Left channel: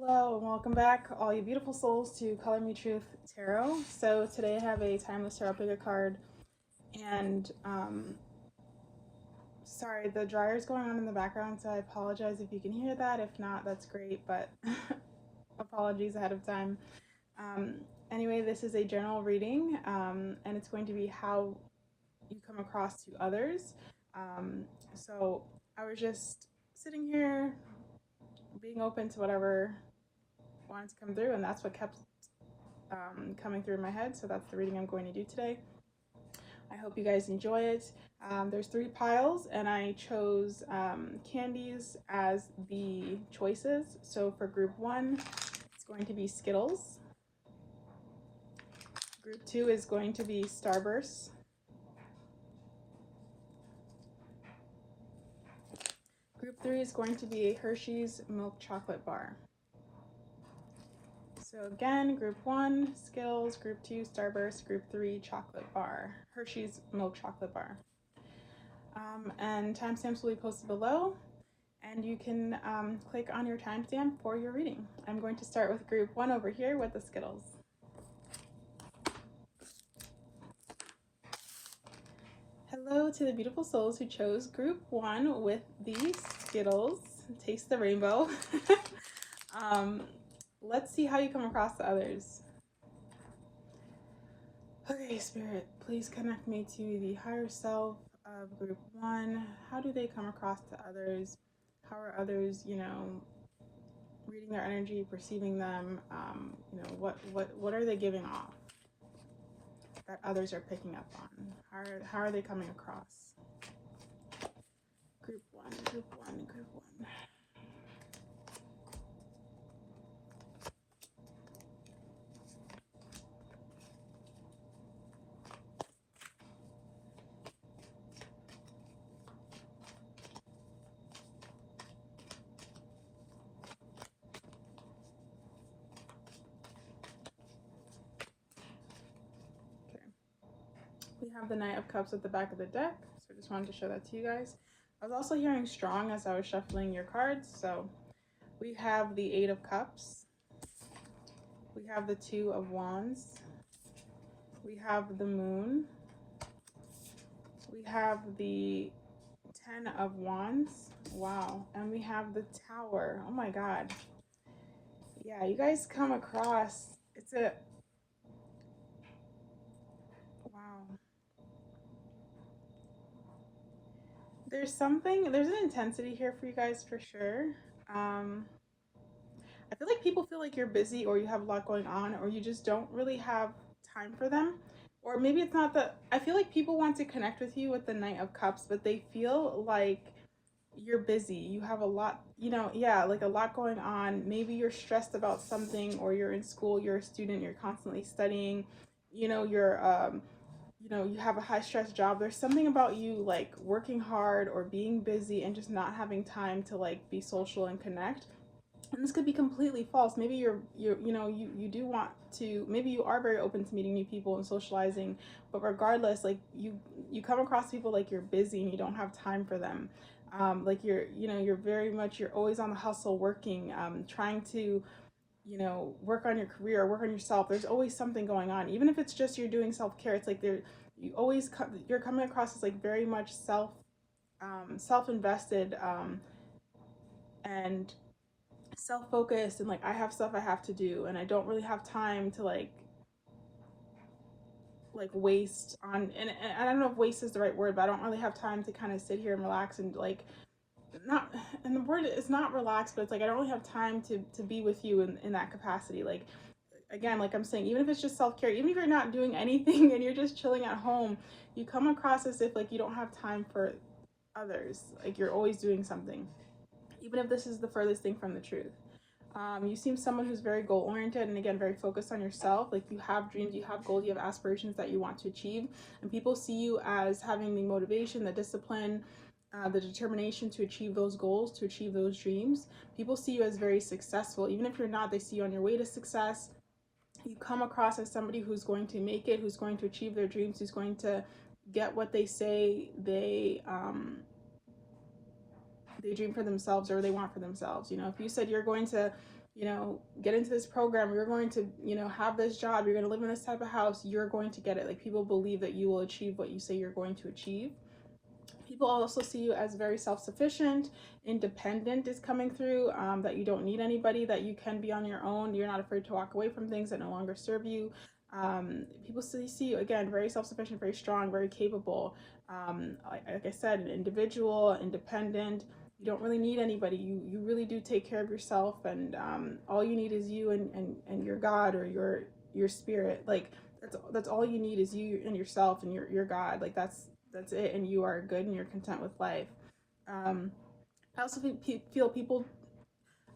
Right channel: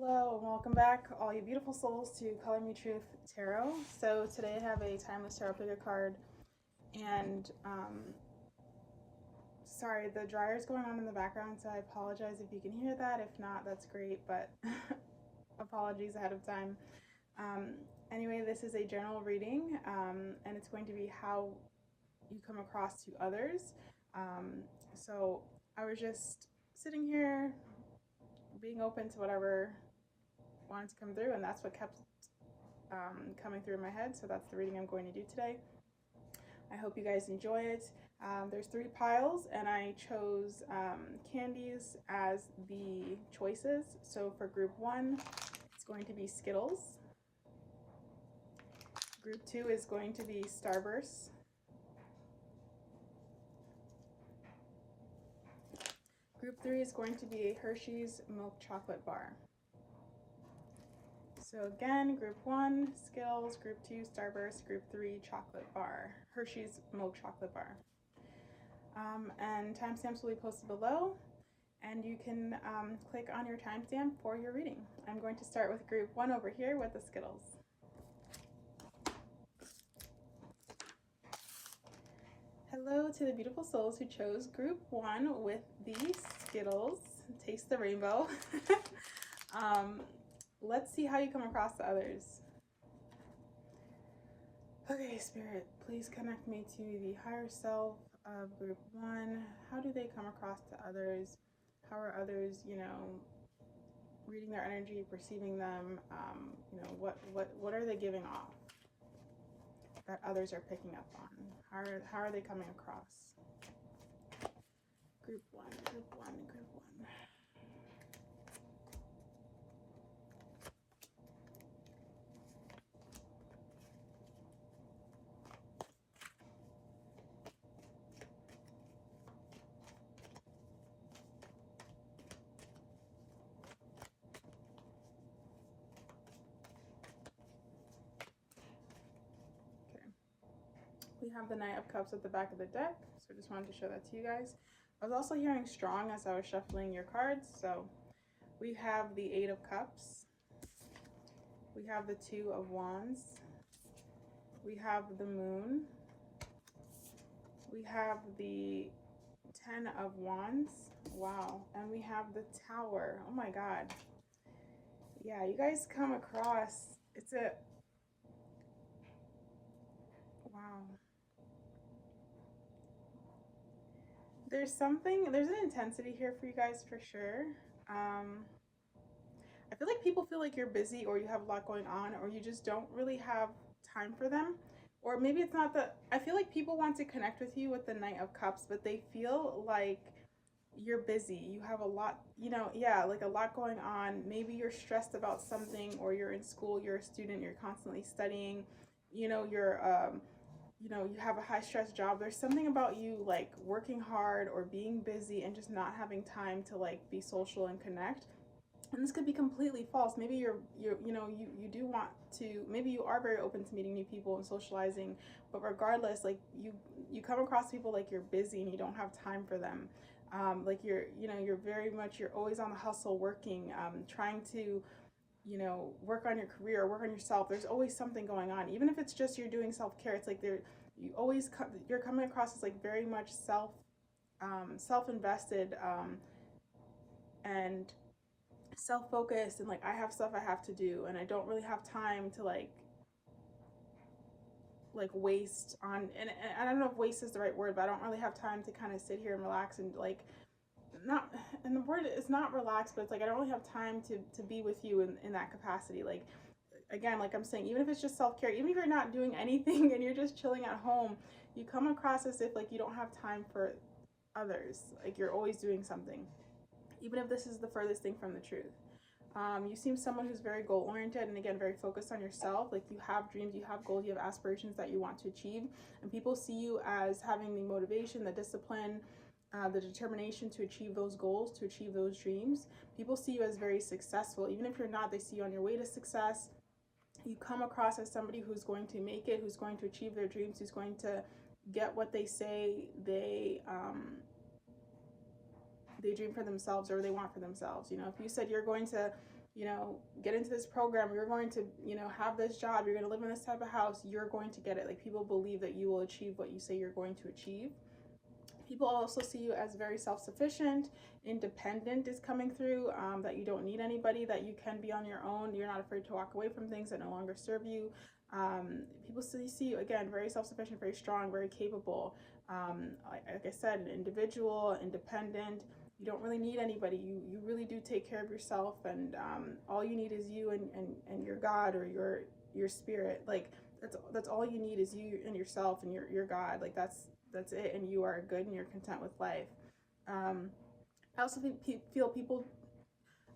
Hello and welcome back, all you beautiful souls, to Color Me Truth Tarot. So today I have a Timeless Tarot Picker card, and sorry, the dryer's going on in the background, so I apologize if you can hear that. If not, that's great, but apologies ahead of time. Um, anyway, this is a general reading, and it's going to be how you come across to others. So I was just sitting here, being open to whatever wanted to come through, and that's what kept coming through my head. So that's the reading I'm going to do today. I hope you guys enjoy it. There's 3 piles, and I chose candies as the choices. So for group 1, it's going to be Skittles. Group 2 is going to be Starburst. Group 3 is going to be a Hershey's milk chocolate bar. So again, group 1, Skittles, group 2, Starburst, group 3, chocolate bar, Hershey's milk chocolate bar. And timestamps will be posted below, and you can click on your timestamp for your reading. I'm going to start with group 1 over here with the Skittles. Hello to the beautiful souls who chose group 1 with the Skittles. Taste the rainbow. Let's see how you come across the others. Okay, Spirit, please connect me to the higher self of group 1. How do they come across to others? How are others, reading their energy, perceiving them? What are they giving off that others are picking up on? How are they coming across? Group 1, group 1, group 1. We have the Knight of Cups at the back of the deck, so I just wanted to show that to you guys. I was also hearing strong as I was shuffling your cards. So we have the 8 of Cups, we have the 2 of Wands, we have the Moon, we have the 10 of Wands, wow, and we have the Tower. Oh my god. Yeah, you guys come across, it's a, wow. There's an intensity here for you guys for sure. I feel like people feel like you're busy, or you have a lot going on, or you just don't really have time for them. Or maybe it's not that, I feel like people want to connect with you with the Knight of Cups, but they feel like you're busy. You have a lot, like a lot going on. Maybe you're stressed about something, or you're in school, you're a student, you're constantly studying, you have a high stress job. There's something about you like working hard or being busy and just not having time to like be social and connect. And this could be completely false. Maybe you do want to, maybe you are very open to meeting new people and socializing, but regardless, like you come across people like you're busy and you don't have time for them. Like you're always on the hustle, working, trying to work on your career, work on yourself. There's always something going on, even if it's just you're doing self-care. It's like you're coming across as like very much self-invested, and self-focused, and like I have stuff I have to do, and I don't really have time to like waste on, and I don't know if waste is the right word, but I don't really have time to kind of sit here and relax and like not, and the word is not relax, but it's like I don't really have time to be with you in that capacity. Like, again, like I'm saying, even if it's just self-care, even if you're not doing anything and you're just chilling at home, you come across as if like you don't have time for others. Like you're always doing something, even if this is the furthest thing from the truth. You seem someone who's very goal oriented, and again very focused on yourself. Like you have dreams, you have goals, you have aspirations that you want to achieve, and people see you as having the motivation, the discipline, the determination to achieve those goals, to achieve those dreams. People see you as very successful. Even if you're not, they see you on your way to success. You come across as somebody who's going to make it, who's going to achieve their dreams, who's going to get what they say they dream for themselves or they want for themselves. If you said you're going to you know, get into this program, you're going to, you know, have this job, you're going to live in this type of house, you're going to get it. Like, people believe that you will achieve what you say you're going to achieve. People also see you as very self-sufficient, independent is coming through, that you don't need anybody, that you can be on your own, you're not afraid to walk away from things that no longer serve you. People see you, again, very self-sufficient, very strong, very capable. Like I said, an individual, independent. You don't really need anybody. You really do take care of yourself, and all you need is you and your God, or your spirit. Like, that's all you need, is you and yourself and your God. Like, that's it, and you are good and you're content with life. Um, I also feel people.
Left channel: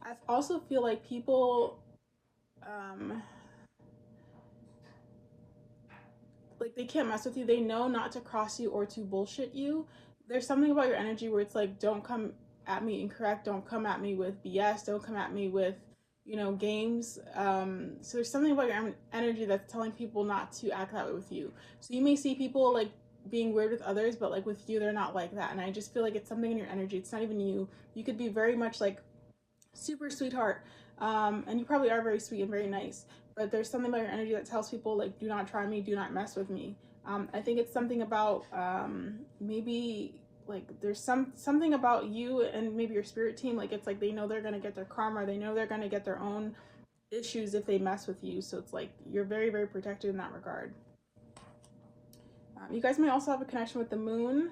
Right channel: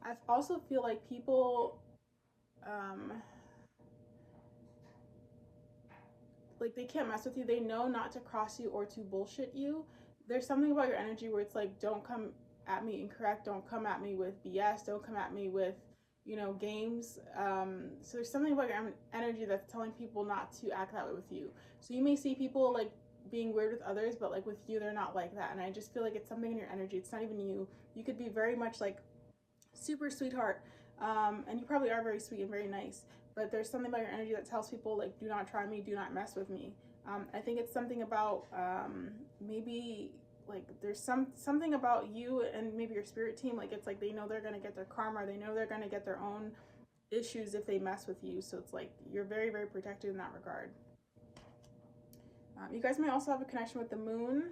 I also feel like people. Um, like, they can't mess with you. They know not to cross you or to bullshit you. There's something about your energy where it's like, don't come at me incorrect. Don't come at me with BS. Don't come at me with, you know, games. So there's something about your energy that's telling people not to act that way with you. So you may see people like being weird with others, but like with you, they're not like that. And I just feel like it's something in your energy. It's not even you. You could be very much like super sweetheart, and you probably are very sweet and very nice, but there's something about your energy that tells people, like, do not try me, do not mess with me. I think it's something about, maybe, like, there's something about you and maybe your spirit team, like, it's like they know they're gonna get their karma, they know they're gonna get their own issues if they mess with you, so it's like you're very, very protected in that regard. You guys may also have a connection with the moon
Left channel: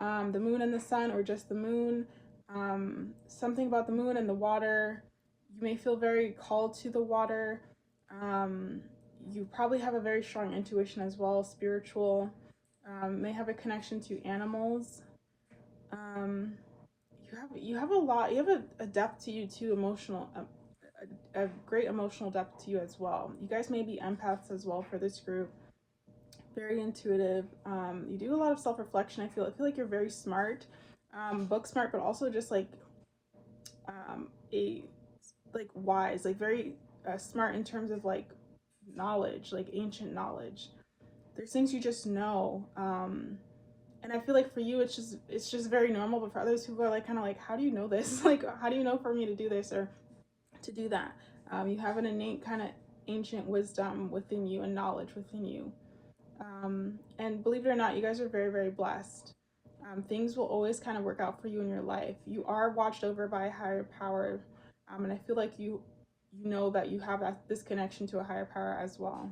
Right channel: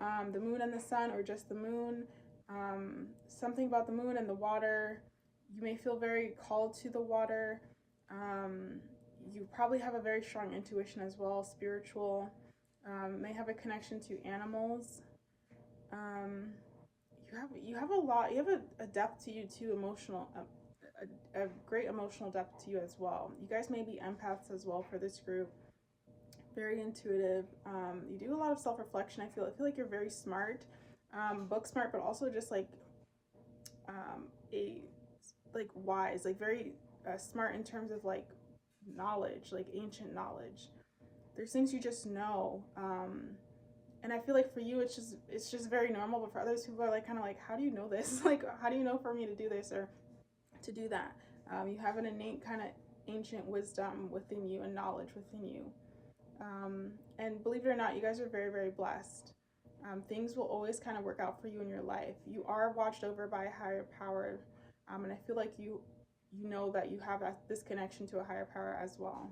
and the sun, or just the moon. Something about the moon and the water. You may feel very called to the water. Um, you probably have a very strong intuition as well, spiritual. May have a connection to animals. Um, you have a lot. You have a depth to you too, emotional. A great emotional depth to you as well. You guys may be empaths as well for this group. Very intuitive. You do a lot of self-reflection. I feel like you're very smart, book smart, but also just like, a like wise, like very smart in terms of like knowledge, like ancient knowledge. There's things you just know, and I feel like for you it's just very normal, but for others who are like kind of like, how do you know this? Like, how do you know for me to do this or to do that? You have an innate kind of ancient wisdom within you and knowledge within you. And believe it or not, you guys are very, very blessed. Things will always kind of work out for you in your life. You are watched over by a higher power, and I feel like you know that you have this connection to a higher power as well.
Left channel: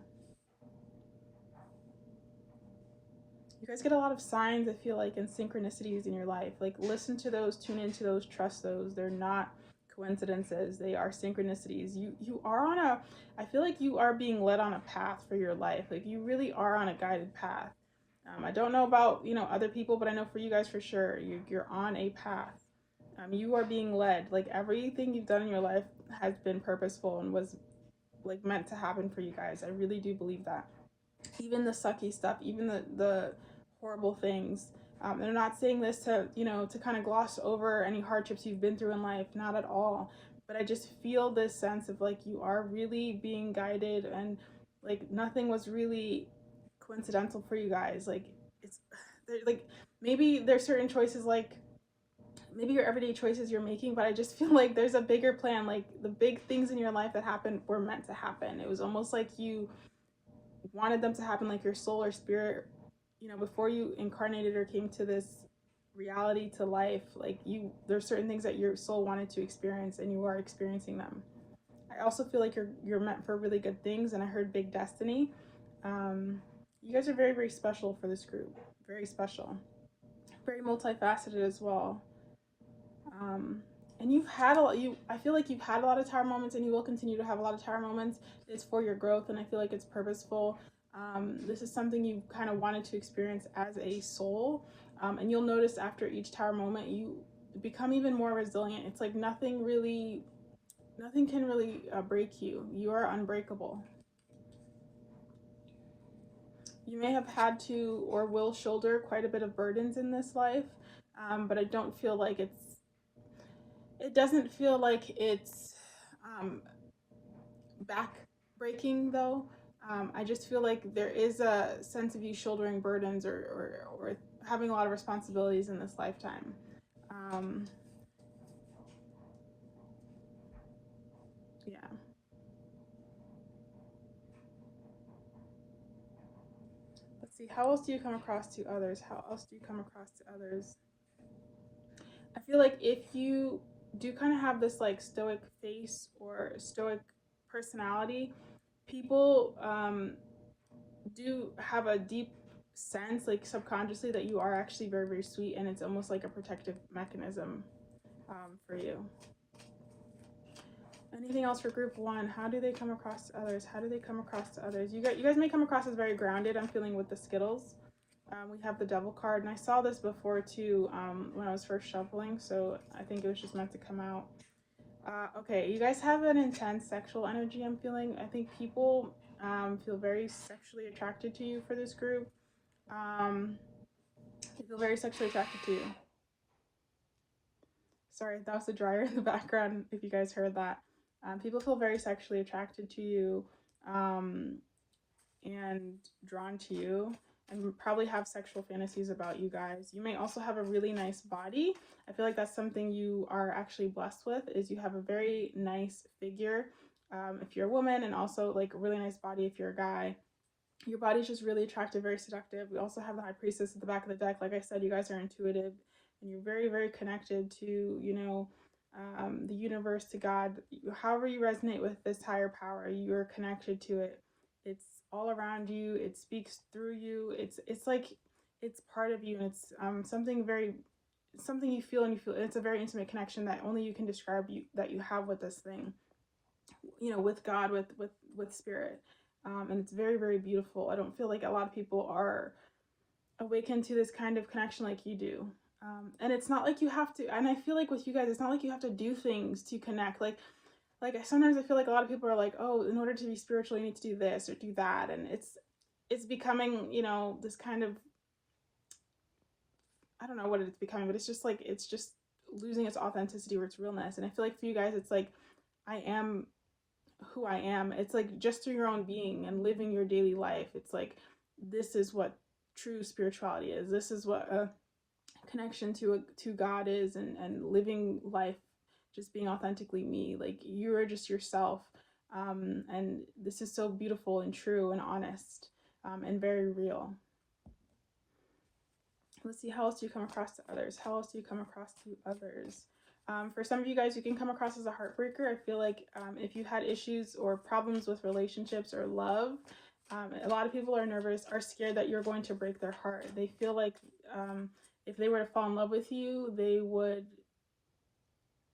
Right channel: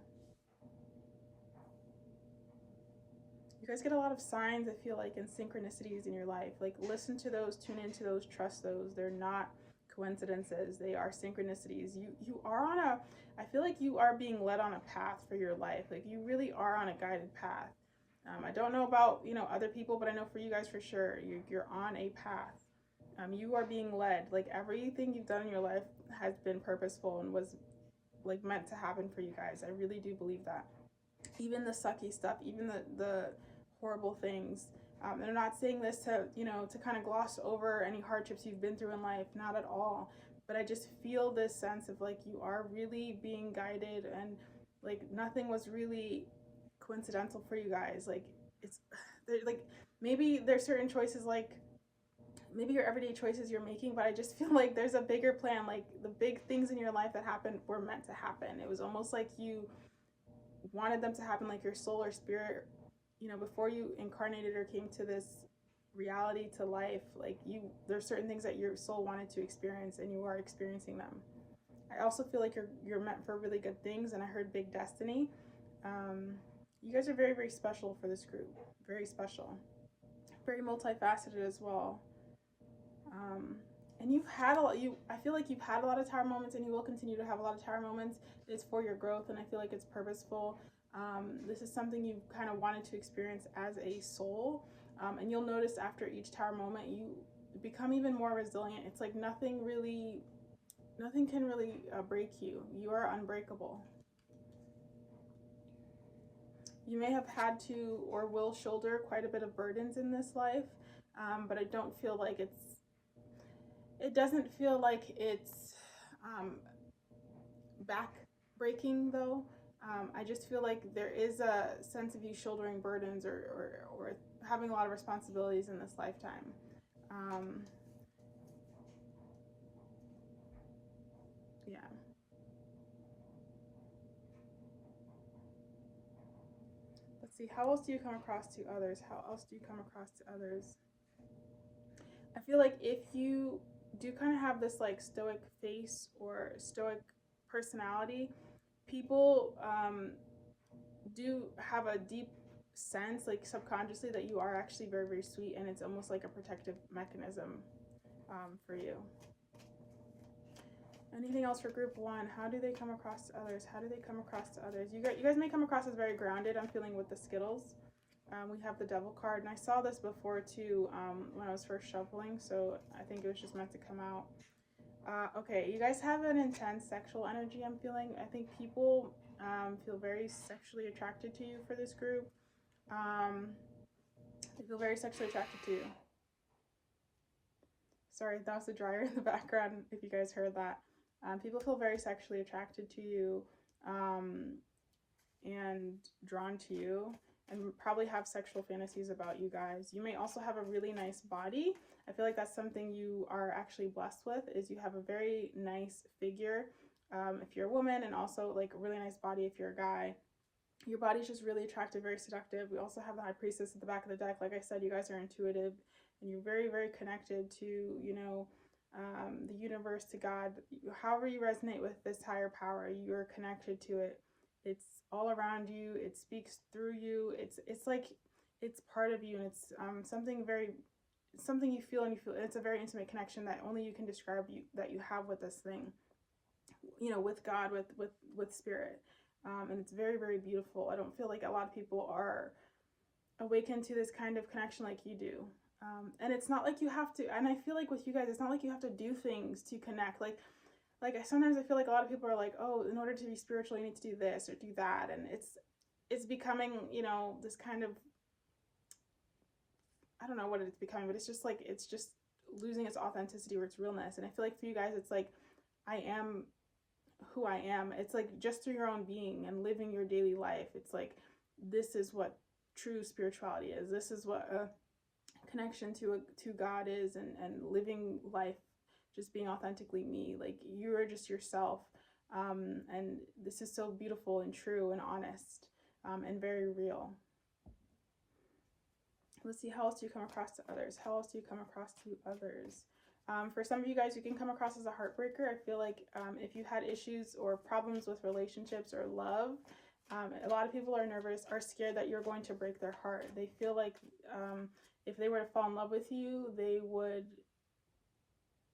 You guys get a lot of signs, I feel like, and synchronicities in your life. Like, listen to those, tune into those, trust those. They're not coincidences. They are synchronicities. You are on a, I feel like you are being led on a path for your life. Like, you really are on a guided path. I don't know about, you know, other people, but I know for you guys for sure, you're on a path. You are being led. Like, everything you've done in your life has been purposeful and was like meant to happen for you guys. I really do believe that. Even the sucky stuff, even the horrible things. And I'm not saying this to, you know, to kind of gloss over any hardships you've been through in life, not at all. But I just feel this sense of like you are really being guided, and like nothing was really coincidental for you guys. Like, it's like maybe there's certain choices, like maybe your everyday choices you're making, but I just feel like there's a bigger plan. Like, the big things in your life that happened were meant to happen. It was almost like you wanted them to happen, like your soul or spirit, you know, before you incarnated or came to this reality, to life. Like, there's certain things that your soul wanted to experience, and you are experiencing them. I also feel like you're meant for really good things, and I heard big destiny. You guys are very, very special for this group. Very special. Very multifaceted as well. Um, and you've had a lot. I feel like you've had a lot of tower moments, and you will continue to have a lot of tower moments. It's for your growth, and I feel like it's purposeful. This is something you kind of wanted to experience as a soul, and you'll notice after each tower moment, you become even more resilient. It's like nothing can really break you. You are unbreakable. You may have had to or will shoulder quite a bit of burdens in this life, but I don't feel like it doesn't feel like it's back breaking though. I just feel like there is a sense of you shouldering burdens, or having a lot of responsibilities in this lifetime. Yeah. Let's see. How else do you come across to others? How else do you come across to others? I feel like if you do kind of have this like stoic face or stoic personality, people do have a deep sense, like subconsciously, that you are actually very, very sweet, and it's almost like a protective mechanism for you. Anything else for group one? How do they come across to others? How do they come across to others? You guys may come across as very grounded. I'm feeling with the Skittles. We have the Devil card, and I saw this before too when I was first shuffling, so I think it was just meant to come out. Okay, you guys have an intense sexual energy, I'm feeling. I think people feel very sexually attracted to you for this group. They feel very sexually attracted to you. Sorry, that was the dryer in the background, if you guys heard that. People feel very sexually attracted to you and drawn to you, and probably have sexual fantasies about you guys. You may also have a really nice body. I feel like that's something you are actually blessed with, is you have a very nice figure if you're a woman, and also like a really nice body if you're a guy. Your body's just really attractive, very seductive. We also have the High Priestess at the back of the deck. Like I said, you guys are intuitive, and you're very, very connected to, you know, the universe, to God. However you resonate with this higher power, you're connected to it. It's all around you. It speaks through you. It's like it's part of you, and it's something you feel, and you feel it's a very intimate connection that only you can describe, that you have with this thing, you know, with God, with spirit. And it's very, very beautiful. I don't feel like a lot of people are awakened to this kind of connection like you do. And it's not like you have to, and I feel like with you guys, it's not like you have to do things to connect. Like sometimes I feel like a lot of people are like, oh, in order to be spiritual, you need to do this or do that. And it's becoming, you know, this kind of, I don't know what it's becoming, but it's just losing its authenticity or its realness. And I feel like for you guys, it's like, I am who I am. It's like just through your own being and living your daily life. It's like, this is what true spirituality is. This is what a connection to God is, and living life, just being authentically me. Like, you're just yourself. And this is so beautiful and true and honest, and very real. Let's see, how else do you come across to others? How else do you come across to others? For some of you guys, you can come across as a heartbreaker. I feel like if you had issues or problems with relationships or love, a lot of people are nervous, are scared that you're going to break their heart. They feel like if they were to fall in love with you, they would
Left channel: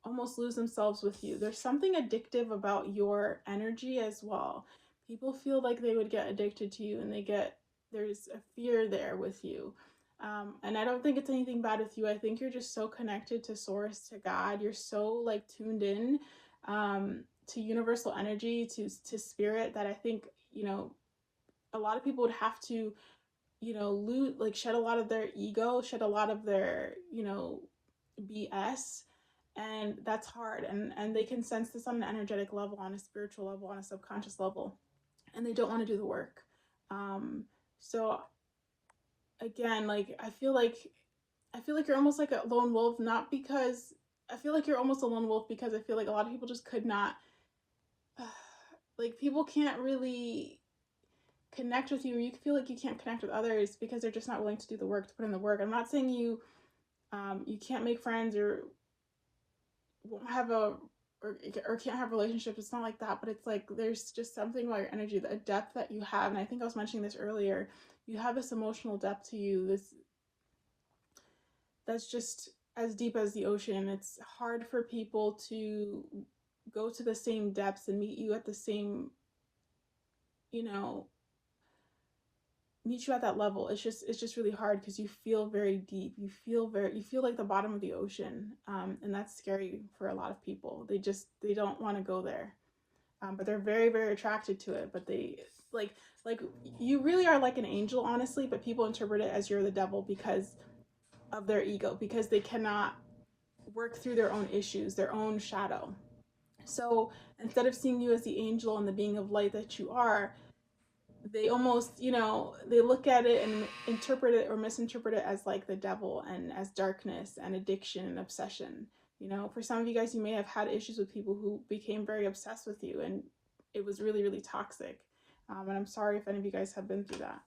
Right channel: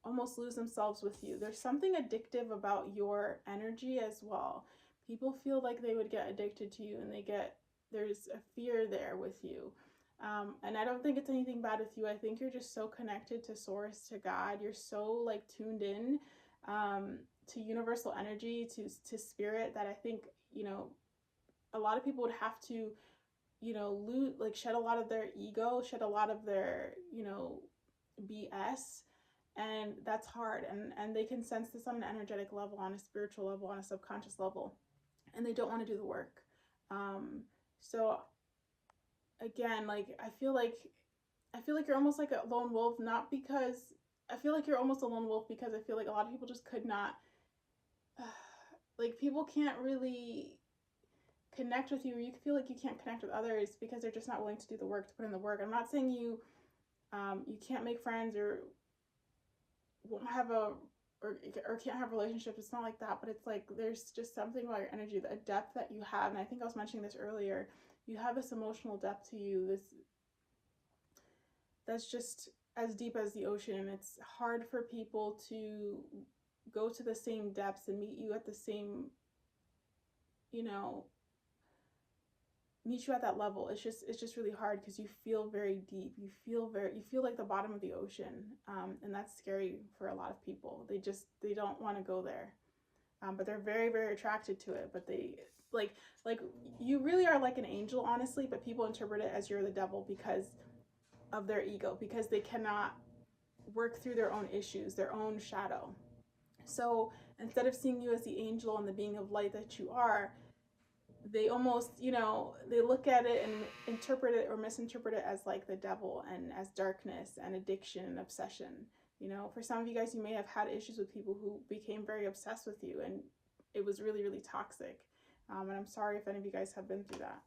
almost lose themselves with you. There's something addictive about your energy as well. People feel like they would get addicted to you, and there's a fear there with you. And I don't think it's anything bad with you. I think you're just so connected to source, to God. You're so like tuned in to universal energy, to spirit, that I think, you know, a lot of people would have to, you know, shed a lot of their ego, shed a lot of their, you know, BS. And that's hard. And they can sense this on an energetic level, on a spiritual level, on a subconscious level, and they don't want to do the work. So again, like I feel like you're almost like a lone wolf, not because I feel like you're almost a lone wolf, because I feel like a lot of people just could not, like, people can't really connect with you, or you feel like you can't connect with others because they're just not willing to do the work, to put in the work. I'm not saying you can't make friends, or won't have or can't have relationships. It's not like that, but it's like there's just something about your energy, the depth that you have. And I think I was mentioning this earlier. You have this emotional depth to you, that's just as deep as the ocean. It's hard for people to go to the same depths and meet you at the same, you know, meet you at that level. It's just really hard, because you feel very deep. You feel like the bottom of the ocean, and that's scary for a lot of people. They don't want to go there, but they're very, very attracted to it. But they like you really are like an angel, honestly, but people interpret it as you're the devil because of their ego, because they cannot work through their own issues, their own shadow. So instead of seeing you as the angel and the being of light that you are, they almost, you know, they look at it and interpret it or misinterpret it as like the devil, and as darkness and addiction and obsession. You know, for some of you guys, you may have had issues with people who became very obsessed with you, and it was really, really toxic. And I'm sorry if any of you guys have been through that.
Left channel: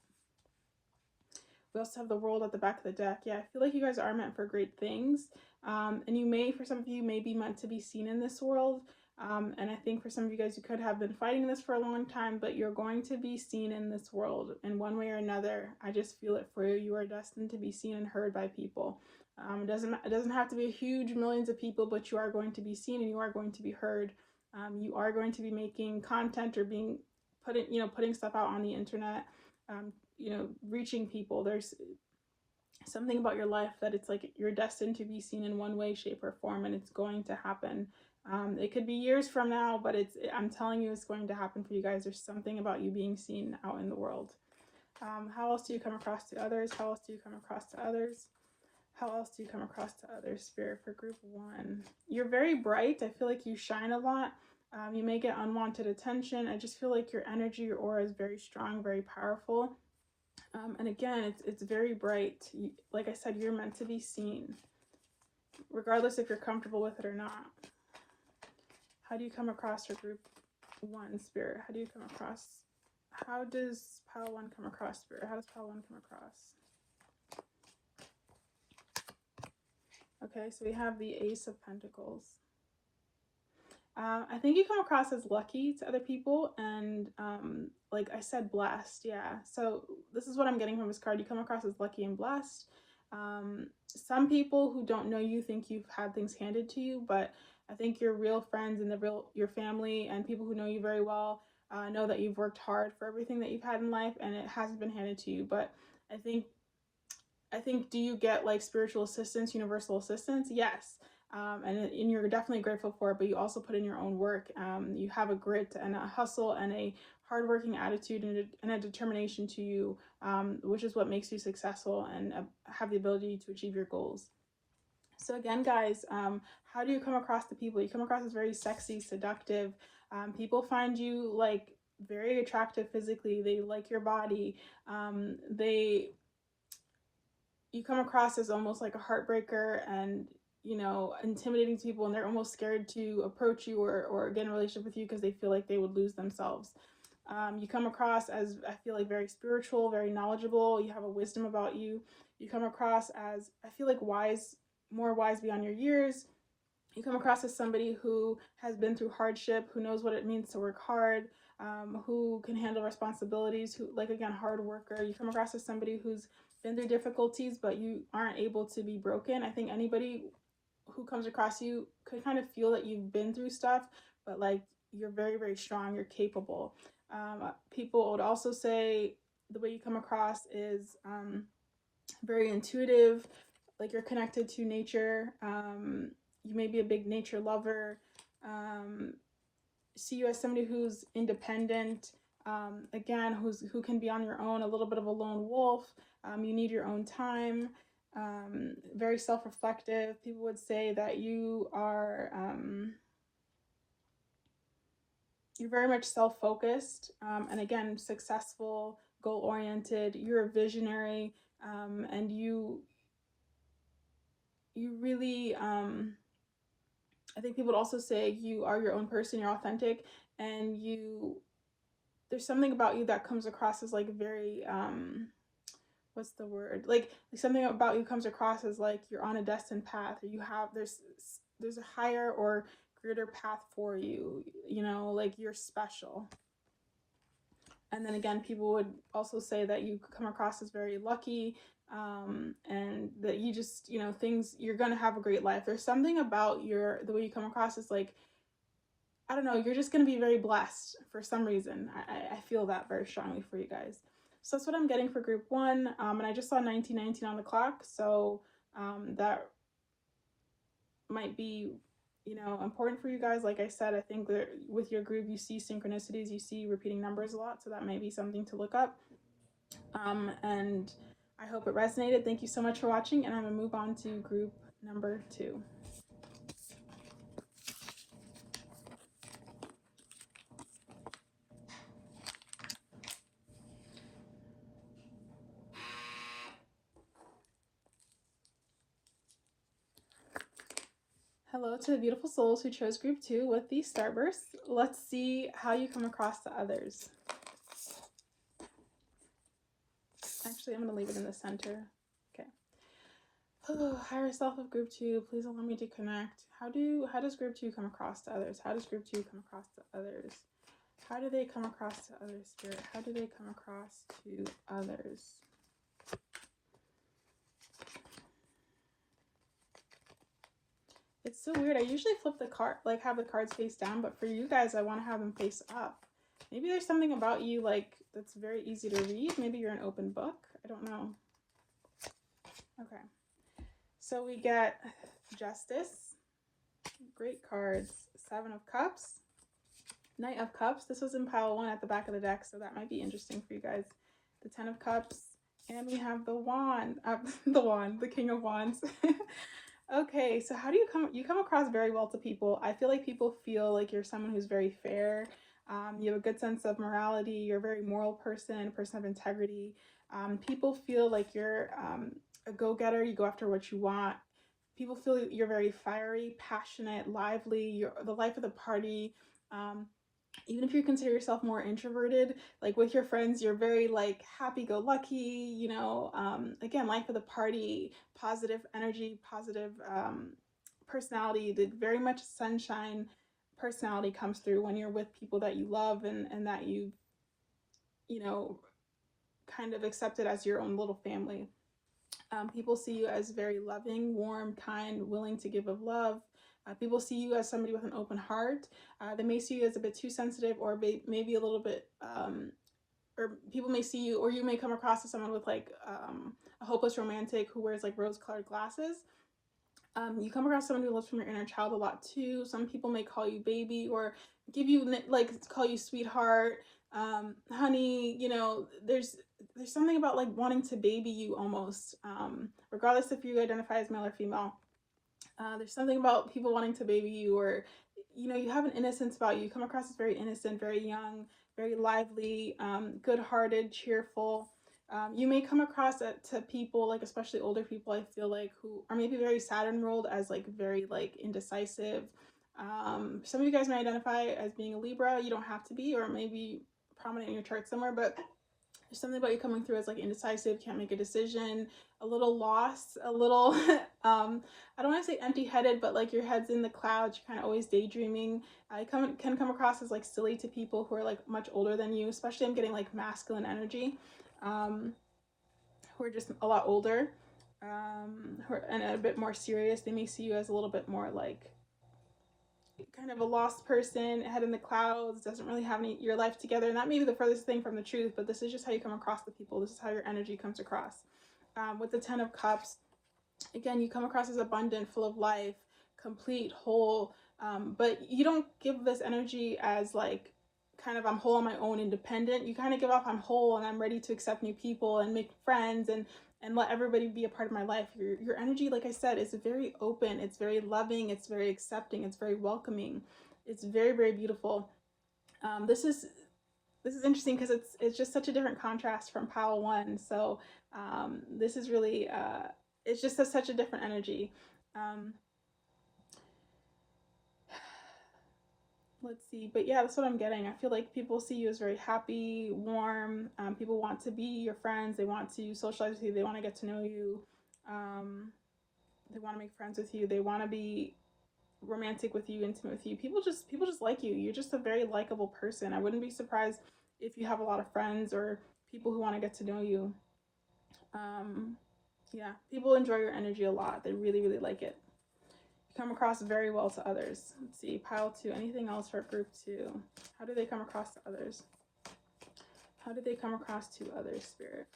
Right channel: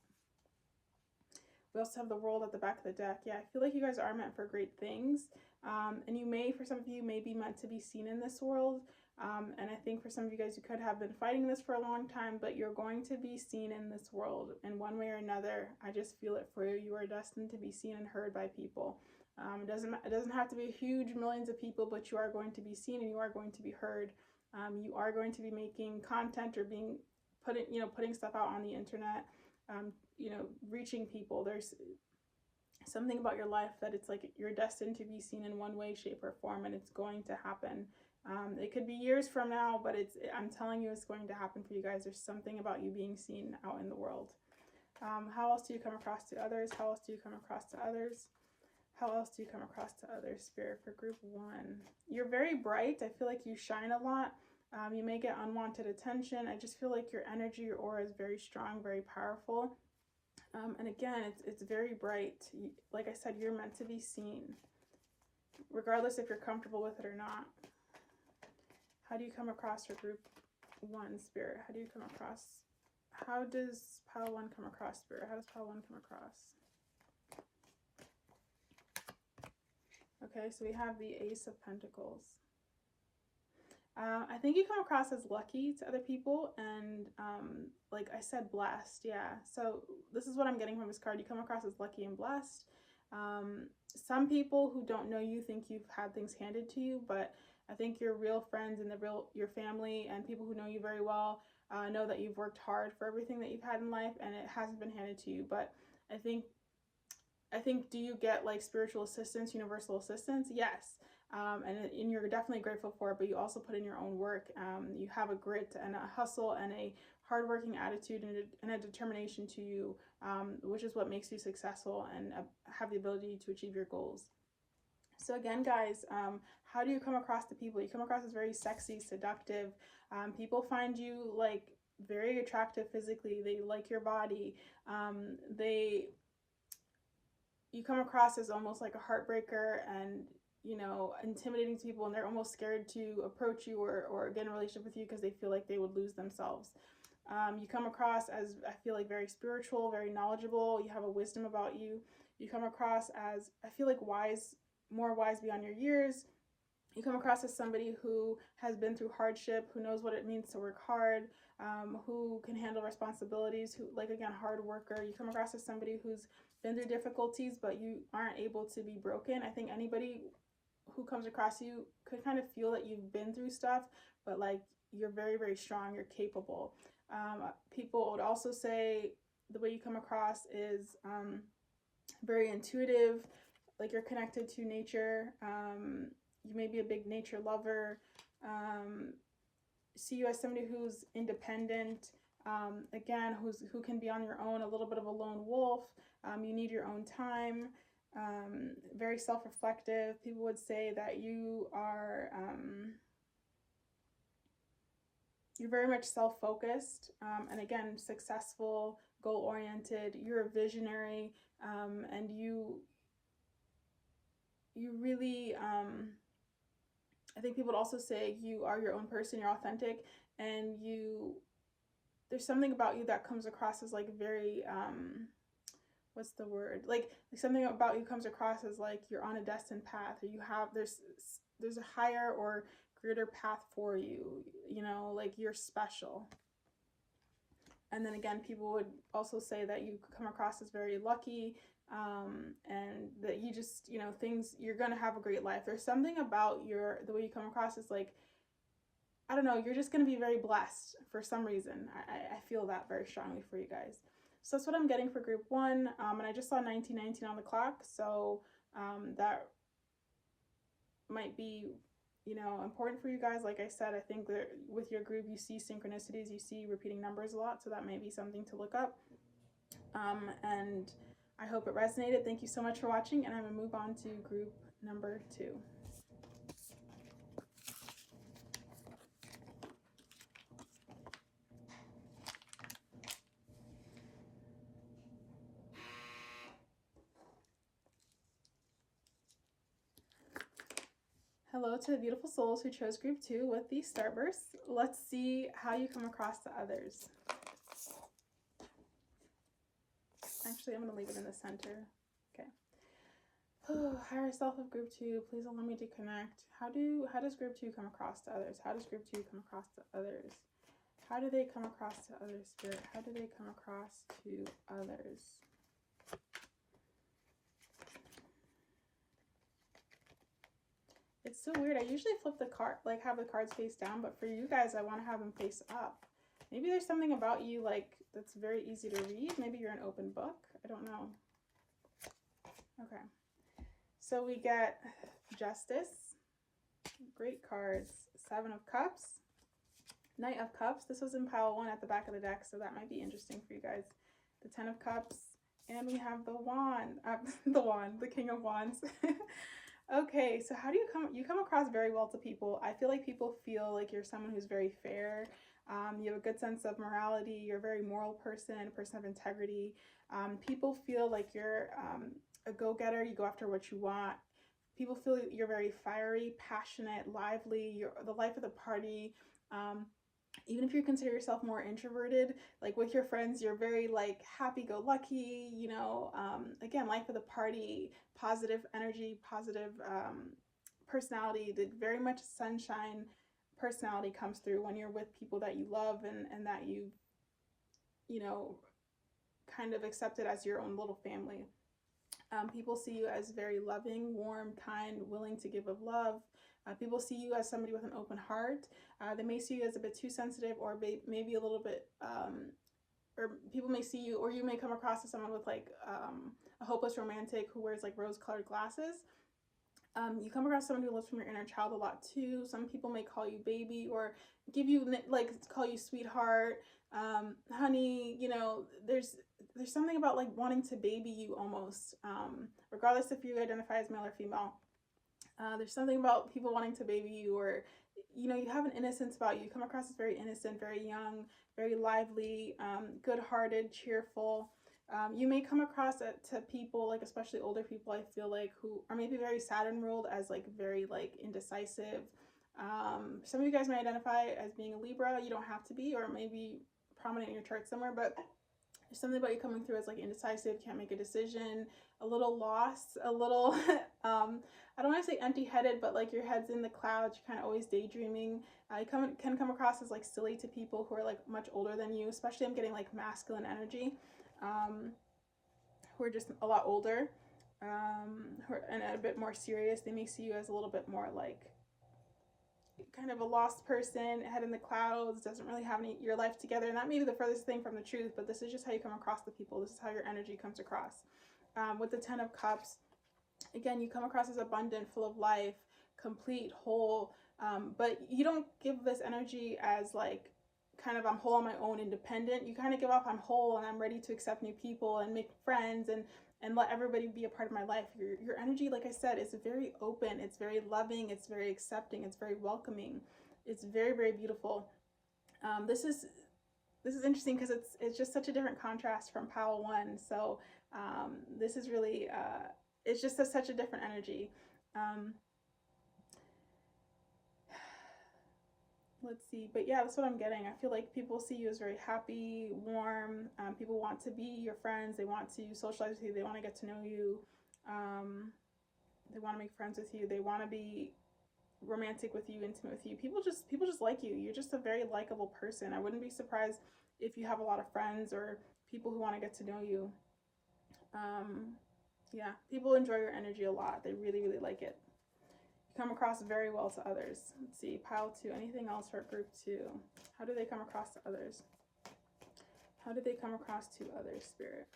We also have the World at the back of the deck. Yeah, I feel like you guys are meant for great things. And you may, for some of you, may be meant to be seen in this world. And I think for some of you guys, you could have been fighting this for a long time, but you're going to be seen in this world in one way or another. I just feel it for you. You are destined to be seen and heard by people. It doesn't have to be huge millions of people, but you are going to be seen and you are going to be heard. You are going to be making content or putting stuff out on the internet. Reaching people. There's something about your life that it's like you're destined to be seen in one way, shape, or form, and it's going to happen. It could be years from now, but I'm telling you, it's going to happen for you guys. There's something about you being seen out in the world. How else do you come across to others? How else do you come across to others? How else do you come across to others, Spirit, for group 1? You're very bright. I feel like you shine a lot. You may get unwanted attention. I just feel like your energy, your aura is very strong, very powerful. And again, it's very bright. Like I said, you're meant to be seen, regardless if you're comfortable with it or not. How do you come across for group 1, Spirit? How do you come across? How does Pile 1 come across, Spirit? How does Pile 1 come across? Okay, so we have the Ace of Pentacles. I think you come across as lucky to other people and, like I said, blessed. Yeah, so this is what I'm getting from this card. You come across as lucky and blessed. Some people who don't know you think you've had things handed to you, but I think your real friends and your family and people who know you very well know that you've worked hard for everything that you've had in life, and it hasn't been handed to you. But I think, do you get like spiritual assistance, universal assistance? Yes. And you're definitely grateful for it, but you also put in your own work. You have a grit and a hustle and a hardworking attitude and a determination to you, which is what makes you successful and have the ability to achieve your goals. So again, guys, how do you come across to people? You come across as very sexy, seductive. People find you like very attractive physically. They like your body. You come across as almost like a heartbreaker and, intimidating to people, and they're almost scared to approach you or get in a relationship with you because they feel like they would lose themselves. You come across as, I feel like, very spiritual, very knowledgeable. You have a wisdom about you. You come across as, I feel like, more wise beyond your years. You come across as somebody who has been through hardship, who knows what it means to work hard, who can handle responsibilities, who, like, again, hard worker. You come across as somebody who's been through difficulties, but you aren't able to be broken. I think anybody who comes across you could kind of feel that you've been through stuff, but like you're very, very strong, you're capable. People would also say the way you come across is very intuitive, like you're connected to nature. You may be a big nature lover. See you as somebody who's independent, again, who can be on your own, a little bit of a lone wolf. You need your own time. Very self-reflective. People would say that you are you're very much self-focused, and again, successful, goal-oriented. You're a visionary, and you really, I think people would also say you are your own person, you're authentic, and there's something about you that comes across as like very, what's the word? Like something about you comes across as like you're on a destined path, or there's a higher or greater path for you, like you're special. And then again, people would also say that you come across as very lucky, and that you just, you're going to have a great life. There's something about the way you come across is like, I don't know, you're just going to be very blessed for some reason. I feel that very strongly for you guys. So that's what I'm getting for group 1. And I just saw 1919 on the clock. So that might be, important for you guys. Like I said, I think that with your group, you see synchronicities, you see repeating numbers a lot. So that may be something to look up. And I hope it resonated. Thank you so much for watching. And I'm going to move on to group number 2. Hello to the beautiful souls who chose group 2 with the starburst. Let's see how you come across to others. Actually, I'm going to leave it in the center. Okay. Oh, higher self of group 2, please allow me to connect. How does group 2 come across to others? How does group 2 come across to others? How do they come across to others, Spirit? How do they come across to others? It's so weird. I usually flip the card, like have the cards face down, but for you guys, I want to have them face up. Maybe there's something about you like that's very easy to read. Maybe you're an open book. I don't know. Okay. So we get Justice. Great cards. 7 of Cups. Knight of Cups. This was in pile 1 at the back of the deck, so that might be interesting for you guys. The 10 of Cups. And we have the Wand. The King of Wands. Okay, so how do you come across very well to people? I feel like people feel like you're someone who's very fair. You have a good sense of morality. You're a very moral person, a person of integrity. People feel like you're a go-getter. You go after what you want. People feel that you're very fiery, passionate, lively. You're the life of the party. Even if you consider yourself more introverted, like with your friends, you're very like happy-go-lucky, you know, again, life of the party, positive energy, positive personality. Very much sunshine personality comes through when you're with people that you love and that you know, kind of accepted as your own little family. People see you as very loving, warm, kind, willing to give of love. People see you as somebody with an open heart. They may see you as a bit too sensitive, or maybe a little bit, or people may see you, or you may come across as someone with like a hopeless romantic who wears like rose-colored glasses. You come across someone who lives from your inner child a lot too. Some people may call you baby or give you like call you sweetheart, honey. You know, there's something about like wanting to baby you almost, regardless if you identify as male or female. There's something about people wanting to baby you, or you know, you have an innocence about you. You come across as very innocent, very young, very lively, good-hearted, cheerful. You may come across to people, like especially older people, I feel like, who are maybe very Saturn ruled, as like very like indecisive. Some of you guys may identify as being a Libra. You don't have to be, or maybe prominent in your chart somewhere, but there's something about you coming through as like indecisive, can't make a decision, a little lost, a little I don't want to say empty-headed, but like your head's in the clouds, you're kind of always daydreaming. Can come across as like silly to people who are like much older than you, especially I'm getting like masculine energy, who are just a lot older, and a bit more serious. They may see you as a little bit more like kind of a lost person, head in the clouds, doesn't really have your life together, and that may be the furthest thing from the truth, but this is just how you come across the people. This is how your energy comes across. With the 10 of Cups, again, you come across as abundant, full of life, complete, whole, but you don't give this energy as like kind of I'm whole on my own, independent. You kind of give off I'm whole and I'm ready to accept new people and make friends and let everybody be a part of my life. Your energy, like I said, is very open, it's very loving, it's very accepting, it's very welcoming, it's very, very beautiful. This is interesting because it's just such a different contrast from pile 1. So this is really it's just such a different energy. Let's see, but yeah, that's what I'm getting. I feel like people see you as very happy, warm. People want to be your friends. They want to socialize with you. They want to get to know you. They want to make friends with you. They want to be romantic with you, intimate with you. People just like you. You're just a very likable person. I wouldn't be surprised if you have a lot of friends or people who want to get to know you. Yeah, people enjoy your energy a lot. They really, really like it. You come across very well to others. Let's see, pile 2. Anything else for group 2? How do they come across to others? How do they come across to others, Spirit?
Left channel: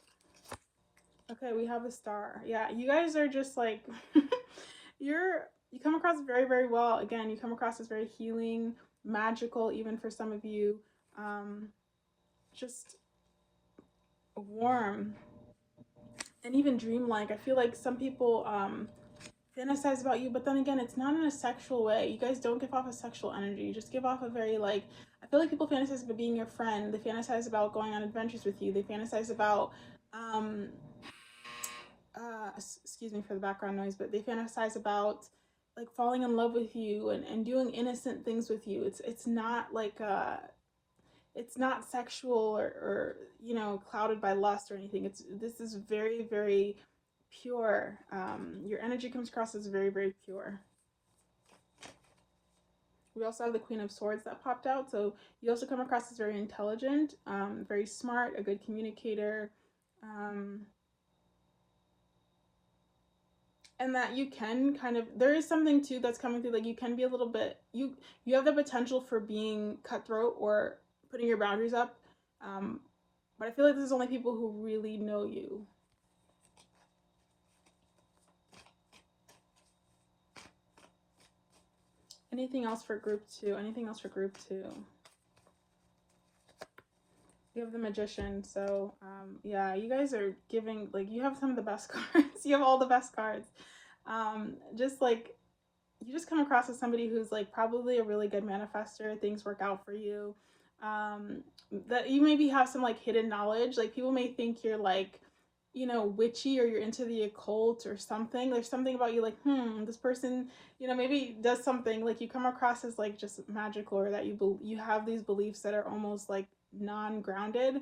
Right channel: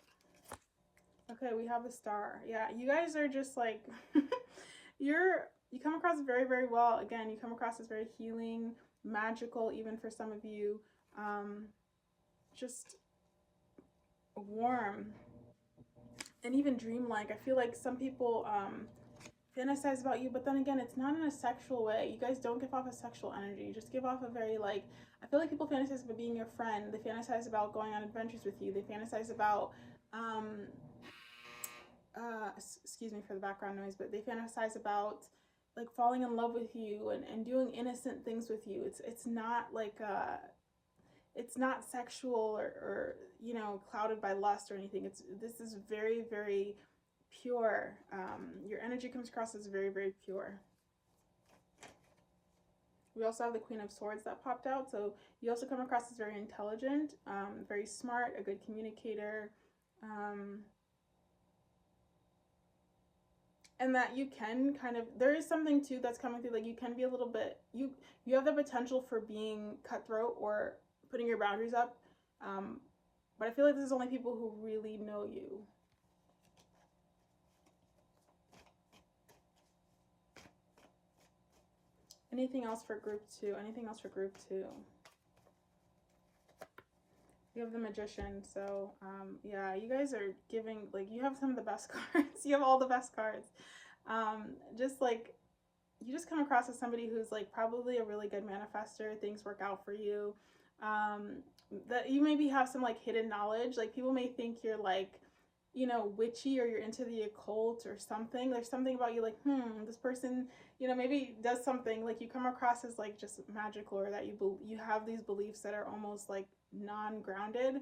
Okay, we have a Star. Yeah, you guys are just like you come across very, very well. Again, you come across as very healing, magical, even for some of you. Just warm and even dreamlike. I feel like some people fantasize about you, but then again, it's not in a sexual way. You guys don't give off a sexual energy. You just give off a very like, I feel like people fantasize about being your friend. They fantasize about going on adventures with you. They fantasize about excuse me for the background noise, but they fantasize about like falling in love with you and doing innocent things with you. It's not like it's not sexual or you know, clouded by lust or anything. This is very, very pure. Your energy comes across as very, very pure. We also have the Queen of Swords that popped out. So you also come across as very intelligent, very smart, a good communicator. And that you can kind of, there is something too that's coming through, like you can be a little bit, you have the potential for being cutthroat or putting your boundaries up, but I feel like this is only people who really know you. Anything else for group 2? Anything else for group 2? You have the Magician. So yeah, you guys are giving, like, you have some of the best cards. You have all the best cards. Just like, you just come across as somebody who's like probably a really good manifester. Things work out for you. That you maybe have some like hidden knowledge. Like people may think you're like, you know, witchy, or you're into the occult or something. There's something about you like, this person, you know, maybe does something, like you come across as like just magical, or that you have these beliefs that are almost like non-grounded,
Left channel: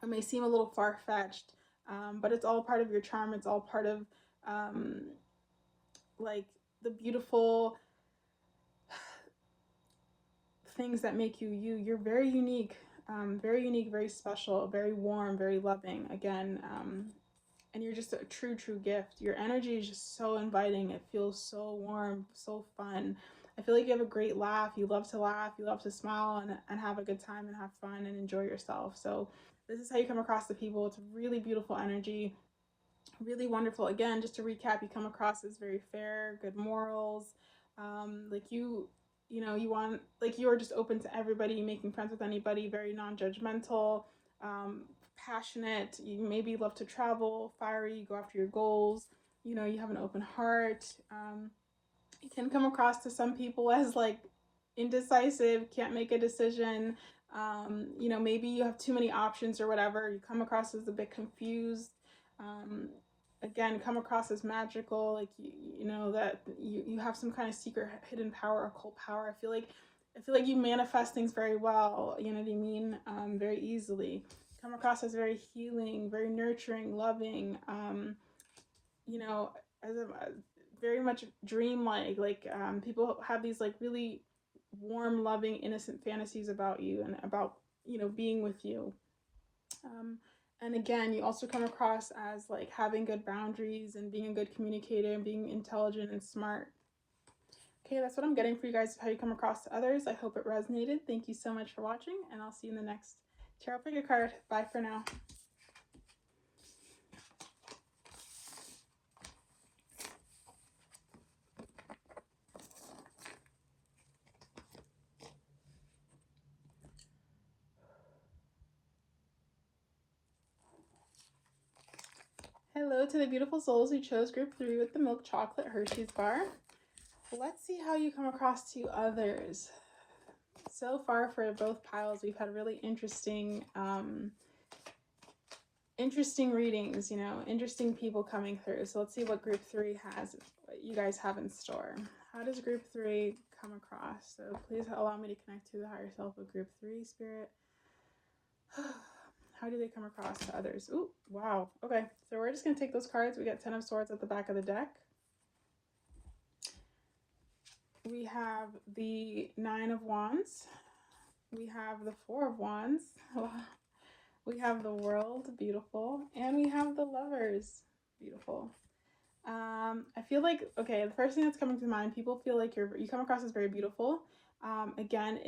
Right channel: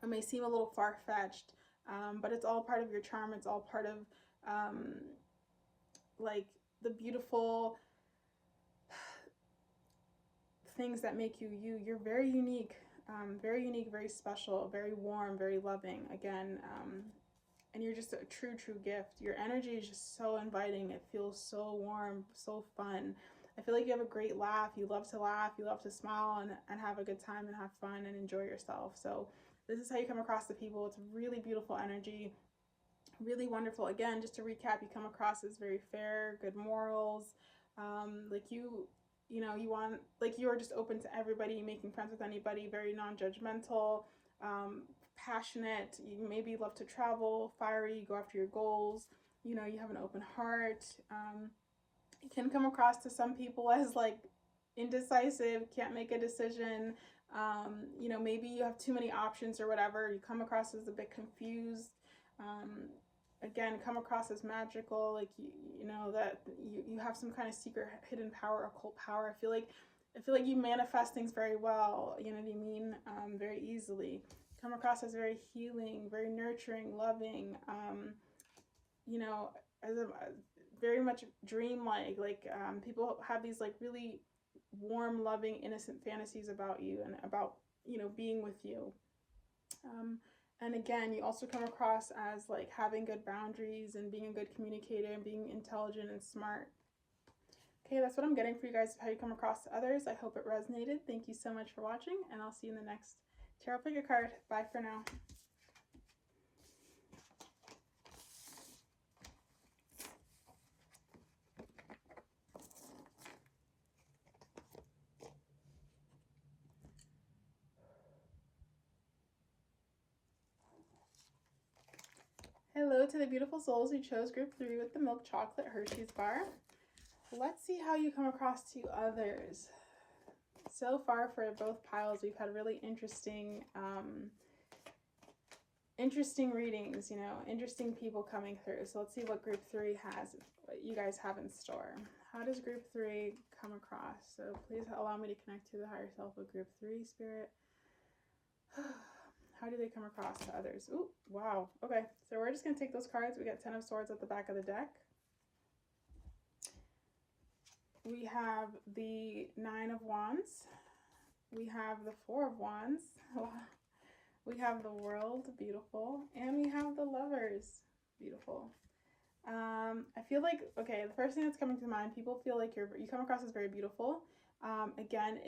or may seem a little far-fetched, but it's all part of your charm. It's all part of like the beautiful things that make you you. You're very unique, very special, very warm, very loving. Again, and you're just a true gift. Your energy is just so inviting. It feels so warm, so fun. I feel like you have a great laugh. You love to laugh. You love to smile and have a good time and have fun and enjoy yourself. So this is how you come across to people. It's really beautiful energy, really wonderful. Again, just to recap, you come across as very fair, good morals. Like you know, you want, like, you are just open to everybody, making friends with anybody, very non-judgmental, passionate. You maybe love to travel, fiery, you go after your goals. You know, you have an open heart. You can come across to some people as like indecisive, can't make a decision. You know, maybe you have too many options or whatever. You come across as a bit confused. Again, come across as magical, like you know that you have some kind of secret hidden power, occult power. I feel like you manifest things very well, you know what I mean, very easily. Come across as very healing, very nurturing, loving, you know, as a very much dreamlike. Like people have these like really warm, loving, innocent fantasies about you and about, you know, being with you. And again, you also come across as like having good boundaries and being a good communicator and being intelligent and smart. Okay, that's what I'm getting for you guys, how you come across to others. I hope it resonated. Thank you so much for watching, and I'll see you in the next tarot pick a card. Bye for now. Hello to the beautiful souls who chose group 3 with the milk chocolate Hershey's bar. Let's see how you come across to others. So far for both piles, we've had really interesting readings, you know, interesting people coming through. So let's see what group 3 has, what you guys have in store. How does group 3 come across? So please allow me to connect to the higher self of group 3, Spirit. How do they come across to others? Ooh, wow. Okay, so we're just going to take those cards. We got 10 of Swords at the back of the deck. We have the 9 of Wands. We have the 4 of Wands. We have the World, beautiful. And we have the Lovers, beautiful. I feel like, okay, the first thing that's coming to mind, people feel like you come across as very beautiful. Again,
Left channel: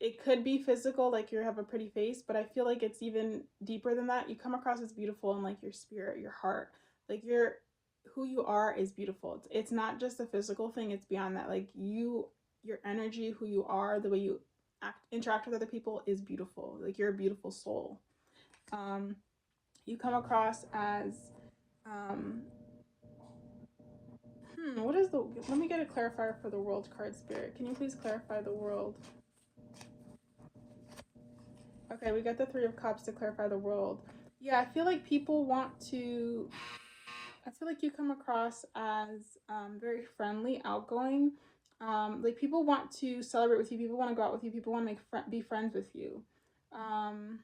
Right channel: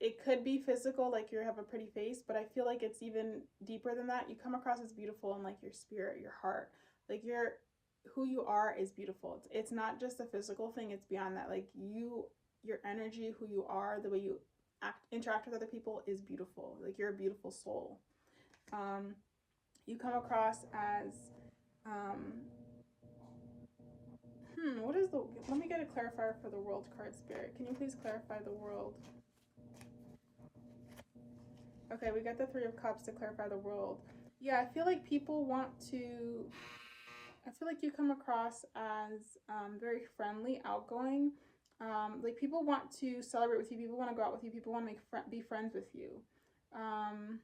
it could be physical, like you have a pretty face, but I feel like it's even deeper than that. You come across as beautiful in like your spirit, your heart, like who you are is beautiful. It's not just a physical thing, it's beyond that. Like your energy, who you are, the way you interact with other people is beautiful. Like you're a beautiful soul. You come across as what is let me get a clarifier for the World card, Spirit. Can you please clarify the World? Okay, we got the 3 of Cups to clarify the World. Yeah, I feel like people want to I feel like you come across as very friendly, outgoing. Like people want to celebrate with you. People want to go out with you. People want to be friends with you. Um,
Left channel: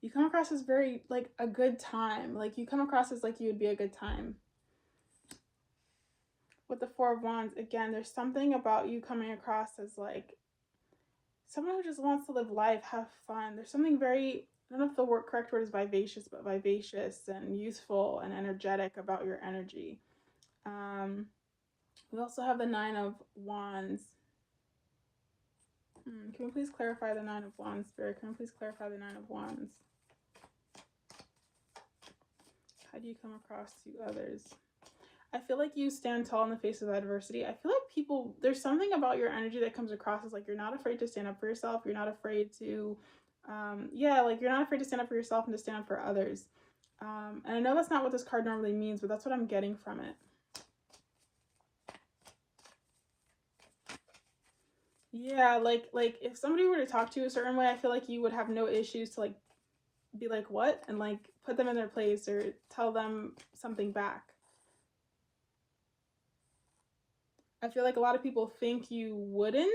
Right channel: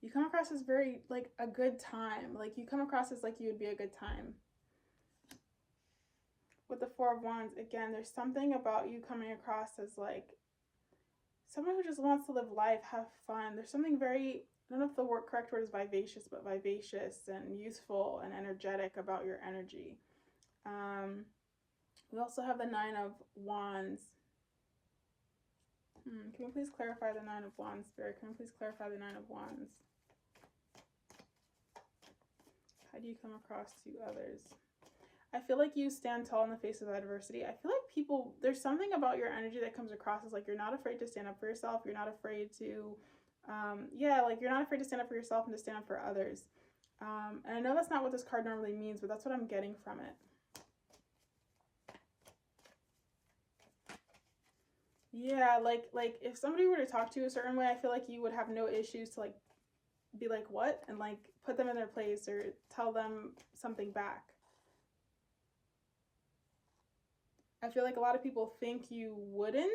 you come across as very like a good time. Like you come across as like you would be a good time. With the Four of Wands, again, there's something about you coming across as like someone who just wants to live life, have fun. There's something very, I don't know if the correct word is vivacious, but vivacious and youthful and energetic about your energy. We also have the Nine of Wands. Can we please clarify the Nine of Wands, Spirit? Can we please clarify the Nine of Wands? How do you come across to others? I feel like you stand tall in the face of adversity. I feel like people, there's something about your energy that comes across as like you're not afraid to stand up for yourself. You're not afraid to, like you're not afraid to stand up for yourself and to stand up for others. And I know that's not what this card normally means, but that's what I'm getting from it. Yeah, like if somebody were to talk to you a certain way, I feel like you would have no issues to like be like, what? And like put them in their place or tell them something back. I feel like a lot of people think you wouldn't,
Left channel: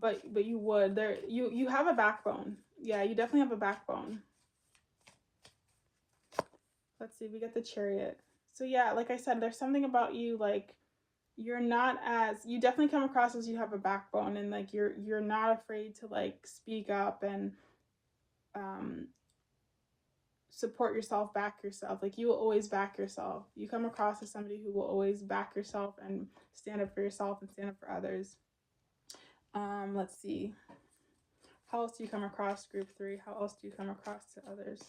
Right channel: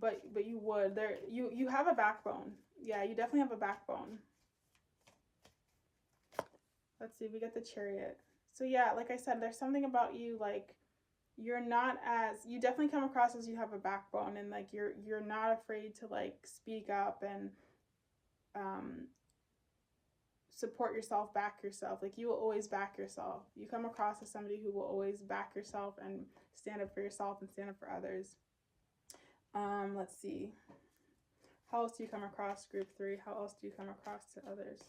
but you would. You have a backbone. Yeah, you definitely have a backbone. Let's see, we get the Chariot. So yeah, like I said, there's something about you like you're not as, you definitely come across as you have a backbone, and like you're not afraid to like speak up and support yourself, back yourself. Like you will always back yourself. You come across as somebody who will always back yourself and stand up for yourself and stand up for others. Let's see. How else do you come across, group 3? How else do you come across to others?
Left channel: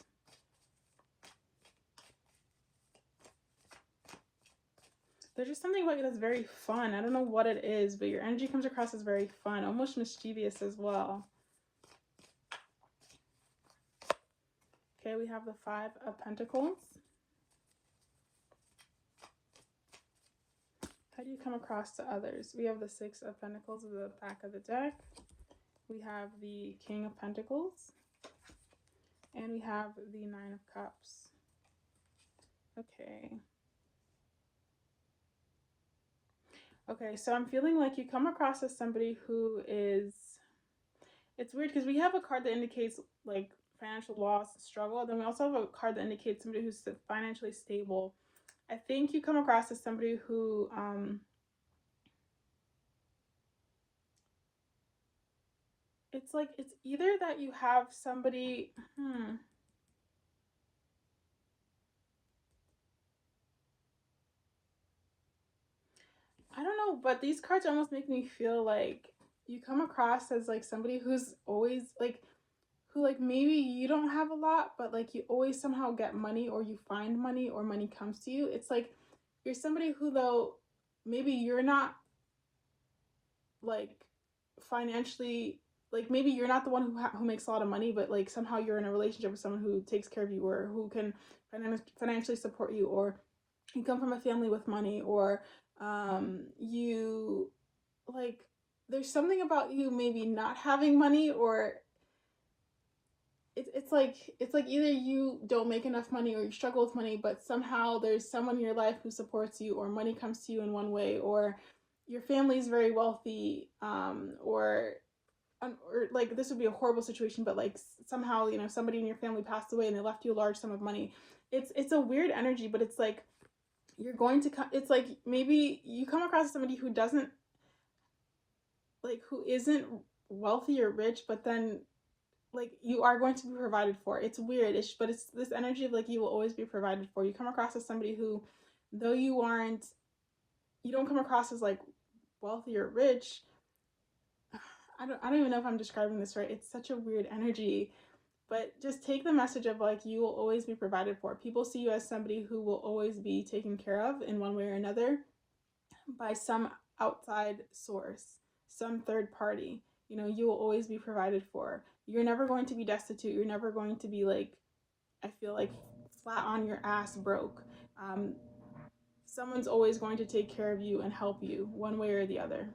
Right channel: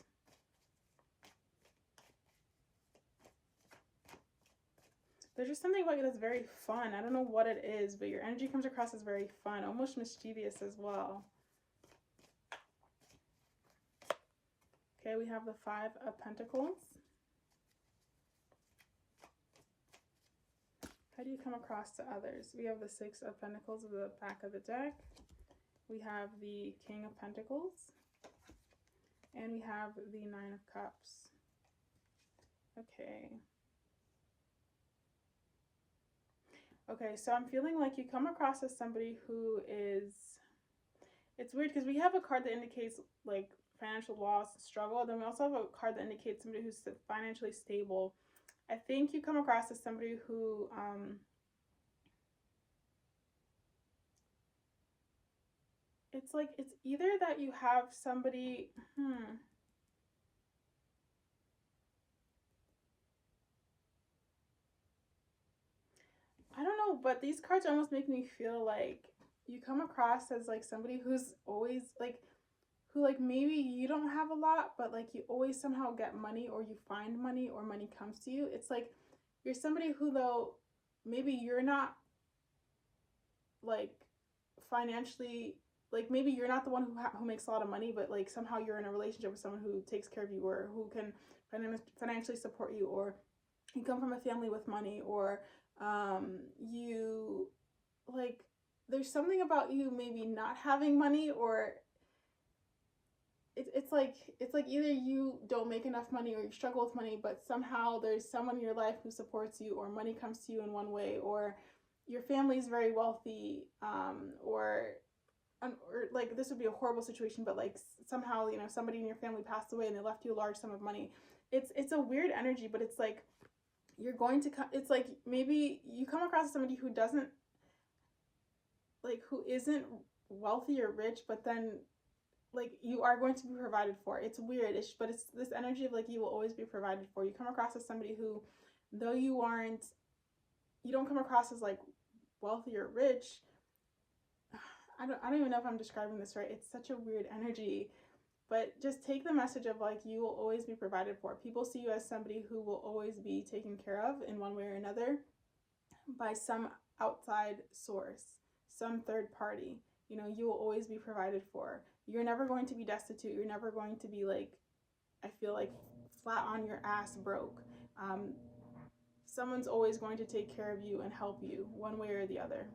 There's just something about you that's very fun. I don't know what it is, but your energy comes across as very fun, almost mischievous as well. Okay, we have the 5 of Pentacles. How do you come across to others? We have the 6 of Pentacles at the back of the deck. We have the King of Pentacles. And we have the 9 of Cups. Okay. Okay, so I'm feeling like you come across as somebody who is, it's weird because we have a card that indicates like financial loss and struggle. Then we also have a card that indicates somebody who's financially stable. I think you come across as somebody who, it's like, it's either that you have somebody, I don't know, but these cards almost make me feel like you come across as like somebody who's always like, who like maybe you don't have a lot, but like you always somehow get money or you find money or money comes to you. It's like you're somebody who though maybe you're not like financially, like maybe you're not the one who makes a lot of money, but like somehow you're in a relationship with someone who takes care of you or who can financially support you, or you come from a family with money, or you like there's something about you maybe not having money, or it's like either you don't make enough money or you struggle with money, but somehow there's someone in your life who supports you, or money comes to you in one way, or your family is very wealthy, or like this would be a horrible situation, but like somehow somebody in your family passed away and they left you a large sum of money. It's a weird energy, but it's like you're going to come, it's like maybe you come across somebody who doesn't like, who isn't wealthy or rich, but then like you are going to be provided for. It's weird, but it's this energy of like you will always be provided for. You come across as somebody who, though you don't come across as like wealthy or rich. I don't even know if I'm describing this right. It's such a weird energy, but just take the message of like you will always be provided for. People see you as somebody who will always be taken care of in one way or another by some outside source, some third party. You will always be provided for. You're never going to be destitute. You're never going to be like, I feel like, flat on your ass broke. Someone's always going to take care of you and help you one way or the other.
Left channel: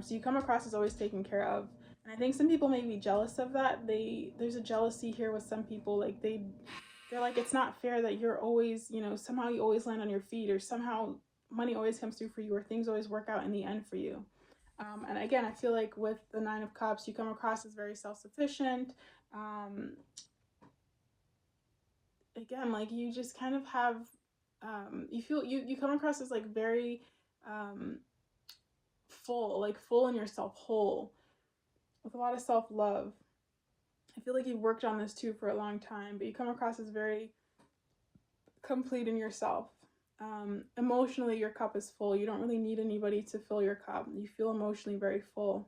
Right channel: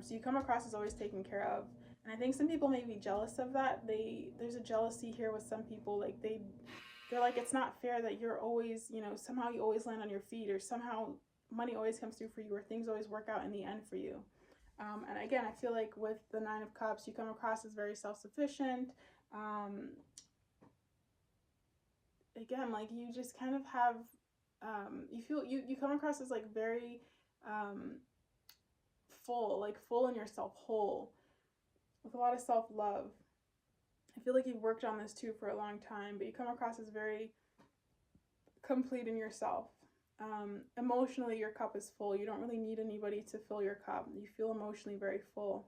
So you come across as always taken care of. And I think some people may be jealous of that. There's a jealousy here with some people. Like they They're like, it's not fair that you're always, you know, somehow you always land on your feet, or somehow money always comes through for you, or things always work out in the end for you. And again, I feel like with the Nine of Cups, you come across as very self-sufficient. Again, like you just kind of have, you come across as like very full in yourself, whole, with a lot of self-love. I feel like you've worked on this too for a long time, but you come across as very complete in yourself. Emotionally, your cup is full. You don't really need anybody to fill your cup. You feel emotionally very full.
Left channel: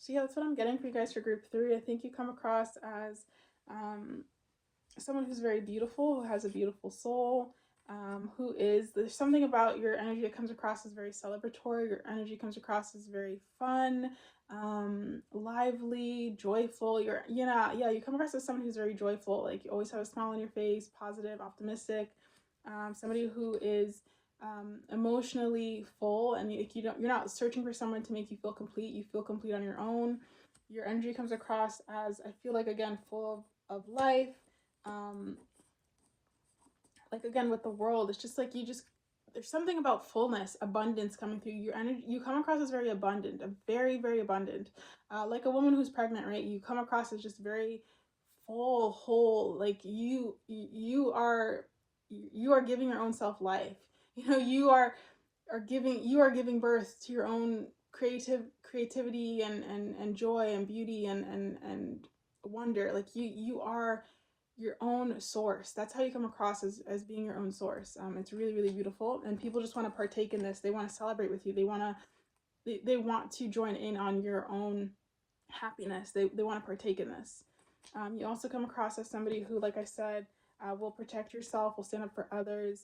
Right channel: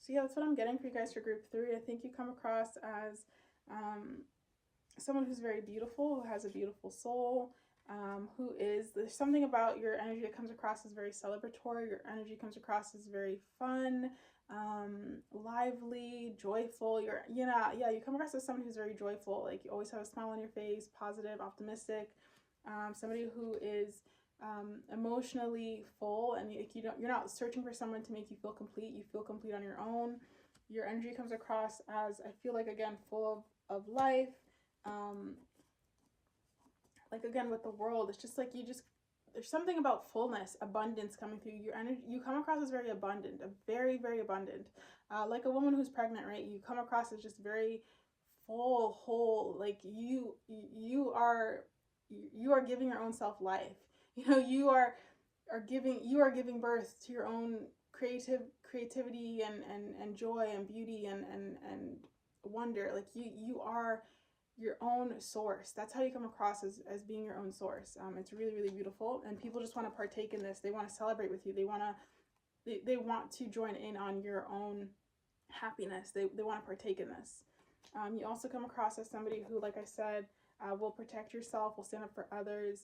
So yeah, that's what I'm getting for you guys for group 3. I think you come across as someone who's very beautiful, who has a beautiful soul, there's something about your energy that comes across as very celebratory. Your energy comes across as very fun, lively, joyful. You come across as somebody who's very joyful. Like you always have a smile on your face, positive, optimistic. Somebody who is emotionally full, and you're not searching for someone to make you feel complete. You feel complete on your own. Your energy comes across as, I feel like, again, full of life. Like again with the world, it's just like there's something about fullness, abundance coming through your energy. You come across as very abundant, very, very abundant, like a woman who's pregnant, right? You come across as just very full, whole. Like you are giving your own self life. You know, you are giving birth to your own creativity and joy and beauty and wonder. Like you are your own source. That's how you come across as being your own source. It's really, really beautiful, and people just want to partake in this. They want to celebrate with you. They want to join in on your own happiness. They want to partake in this. You also come across as somebody who, like I said, will protect yourself, will stand up for others,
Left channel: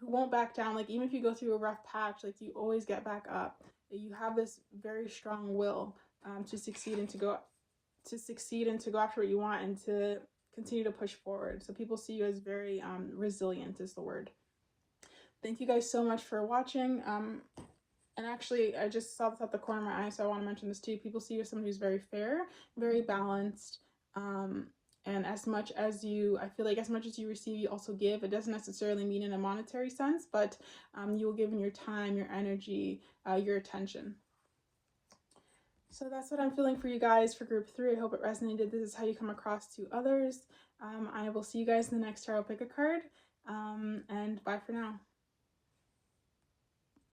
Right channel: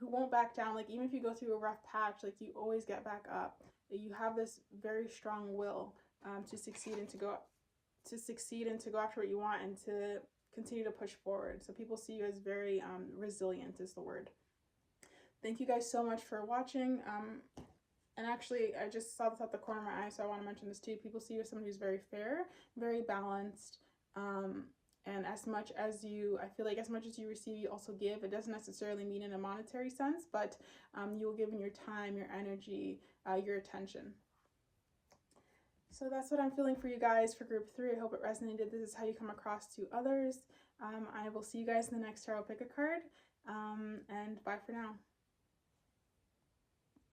who won't back down. Like even if you go through a rough patch, like you always get back up. You have this very strong will to succeed and to go after what you want, and to continue to push forward. So people see you as very resilient is the word. Thank you guys so much for watching. And actually, I just saw this at the corner of my eye, so I want to mention this too. People see you as somebody who's very fair, very balanced, and I feel like as much as you receive, you also give. It doesn't necessarily mean in a monetary sense, but you will give in your time, your energy, your attention. So that's what I'm feeling for you guys for group 3. I hope it resonated. This is how you come across to others. I will see you guys in the next tarot pick a card, and bye for now.